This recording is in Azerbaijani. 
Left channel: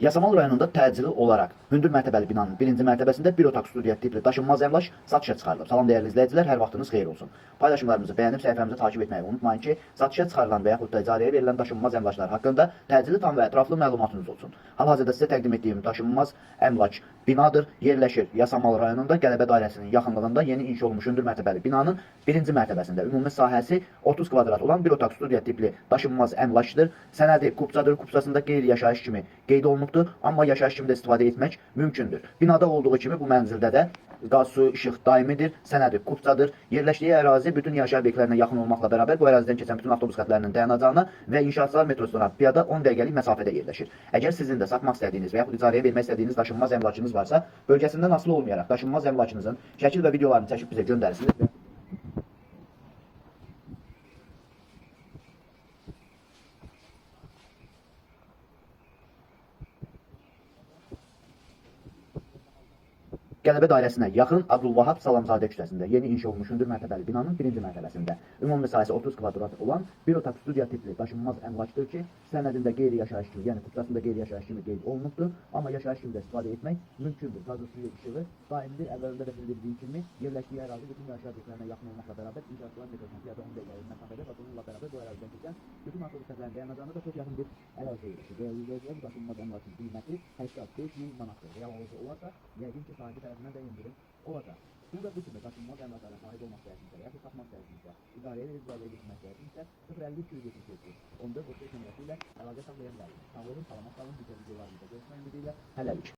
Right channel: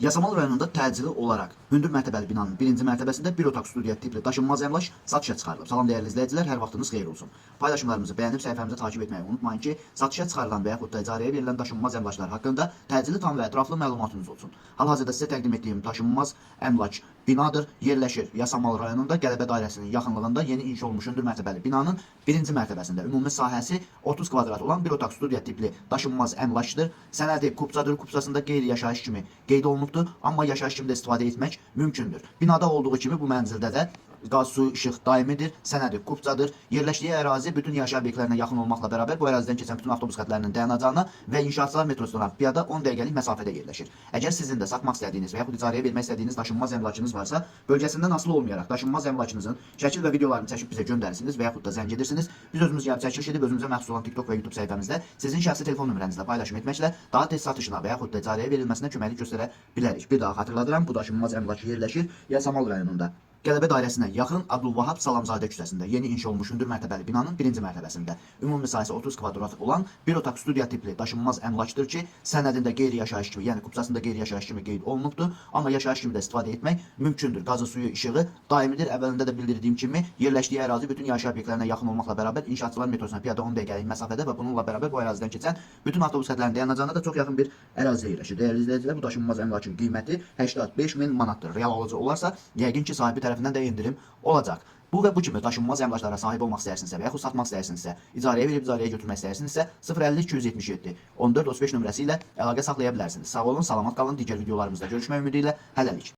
Yasamal rayonunda təcili olaraq hündür mərtəbəli binanın birinci mərtəbəsində bir otaq studiya tipli daşınmaz əmlak satışa çıxarılıb. Salam dəyərli izləyicilər, hər vaxtınız xeyir olsun. Paylaşımlarımızı bəyənib səhifəmizi takip etməyi unutmayın ki, satışa çıxarılan və yaxud da icarəyə verilən daşınmaz əmlaklar haqqında təcili tam və ətraflı məlumatınız olsun. Hal-hazırda sizə təqdim etdiyim daşınmaz əmlak binadır. Yerləşir Yasamal rayonunda Qələbə dairəsinin yaxınlığında yeni inşa olmuş hündür mərtəbəli binanın birinci mərtəbəsində ümumi sahəsi 30 kvadrat olan bir otaq studiya tipli daşınmaz əmlakdır. Sənədi kupçadır. Kupçasında qeyri-yaşayış kimi qeyd olunubdur, amma yaşayış kimi də istifadə etmək mümkündür. Binada olduğu kimi bu mənzildə də qaz, su, işıq daimidir, sənədi kupçadır. Yerləşdiyi ərazi bütün yaşayış obyektlərinə yaxın olmaqla bərabər bu ərazidən keçən bütün avtobus xətlərinin dayanacağına və inşaatçılar metrosuna piyada 10 dəqiqəlik məsafədə yerləşir. Əgər sizin də satmaq istədiyiniz və yaxud icarəyə vermək istədiyiniz daşınmaz əmlakınız varsa, bölgəsindən asılı olmayaraq daşınmaz əmlakınızın şəkil və videolarını çəkib bizə göndərirsiniz və yaxud da zəng edirsiniz. Biz özümüz gəlib çəkiliş edib özümüzə məxsus olan TikTok və YouTube səhifəmizdə sizin şəxsi telefon nömrənizlə paylaşım etməklə daha tez satışına və yaxud da icarəyə verilməsinə köməklik göstərə bilərik. Bir daha xatırladıram, bu daşınmaz əmlak yerləşir Yasamal rayonunda. Qələbə dairəsinə yaxın Abdülvahab Salamzadə küçəsində yeni inşa olmuş hündür mərtəbəli binanın birinci mərtəbəsində ümumi sahəsi 30 kvadrat olan bir otaq studiya tipli daşınmaz əmlakdır ki, sənədində qeyri-yaşayış kimi, yəni kupçasında qeyri-yaşayış kimi qeyd olunubdur, amma yaşayış kimi də istifadə etmək mümkündür. Qazı, suyu, işığı daimidir. Əvvəlində də bildirdiyim kimi, yerləşdiyi ərazi bütün yaşayış obyektlərinə yaxın olmaqla bərabər inşaatçılar metrosuna piyada 10 dəqiqəlik məsafədə və bununla bərabər bu ərazidən keçən bütün avtobus xətlərinin dayanacağına da çox yaxın bir ərazidə yerləşir. Dəyərli izləyicilər, bu daşınmaz əmlakın qiyməti 85.000 manatdır. Real alıcı olarsa, yəqin ki, sahibi tərəfindən də endirim olacaq. Bu və bu kimi daşınmaz əmlaklara sahib olmaq istəyirsinizsə və yaxud satmaq istəyirsinizsə, icarəyə verib icarəyə götürmək istəyirsinizsə 050 277 14 35 nömrəsi ilə əlaqə saxlaya bilərsiniz. Sağ olun, salamat qalın. Digər videolarımızda görüşmək ümidi ilə hələlik.